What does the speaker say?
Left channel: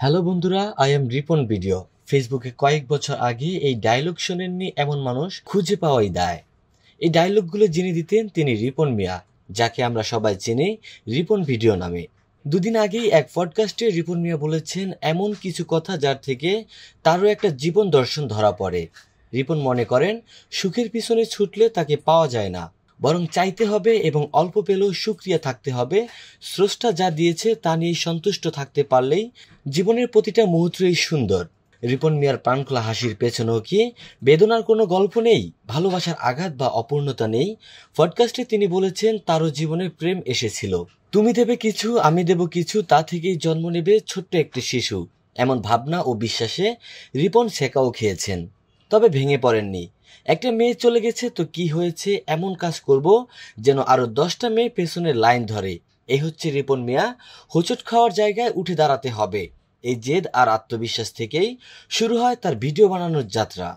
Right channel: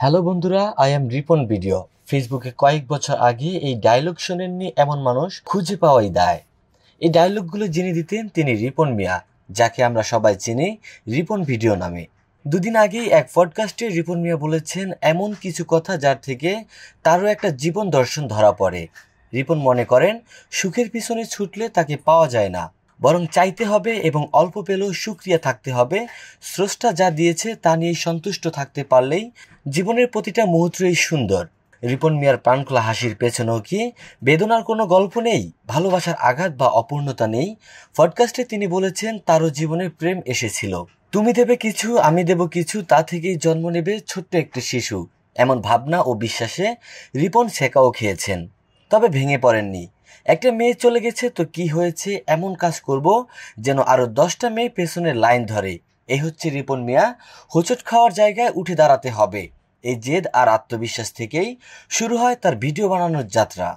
Hello বন্ধুরা, I am Ripon video. ফেসবুকে কয়েক বছর আগে এই ডায়লগ শোনেননি এমন মানুষ খুঁজে পাওয়াই দায়। এই ডায়লগগুলো যিনি দিতেন তিনি রিপন মিয়া, যাকে আমরা সবাই চিনি রিপন ভিডিও নামে। দুদিন আগেই এক পডকাস্টে রিপন মিয়া বলেছেন এমন কিছু কথা যার থেকে তারও একটা জীবন দর্শন ধরা পড়ে। রিপন মনে করেন সুখের পিছনে ছুটলে তাকে পাওয়া যায় না, বরং চাইতে হবে এবং অল্প পেলেও সুক্রিয়া থাকতে হবে। স্রষ্টা যা দিয়েছে তা নিয়ে সন্তুষ্ট থাকতে পারলেই জীবনের প্রতিটা মুহূর্তই সুন্দর। রিপন মিয়ার প্রাণখোলা হাসির পেছনেও কি বেদনার কোনো গল্প নেই, ভালোবাসার আঘাত বা অপূর্ণতা নেই? পডকাস্টে তিনি বলেছেন তারও জীবনে প্রেম এসেছিল। তুমি দেবে কিছু, আমি দেব কিছু, তা থেকেই জন্ম নেবে ছোট্ট একটি শিশু। এমন ভাবনা ও বিশ্বাসে রিপন ছেঁকাও খেয়েছেন, তবে ভেঙে পড়েননি। একটা মেয়ে চলে গেছে তো কি হয়েছে, এমন কাজ করব যেন আরো 10টা মেয়ে পেছনের লাইন ধরে। এই হচ্ছে রিপন মিয়া। হোঁচট খাওয়ার জায়গায় উঠে দাঁড়াতে হবে, এই জেদ আর আত্মবিশ্বাস থেকেই শুরু হয় তার ভিডিও বানানোর যাত্রা।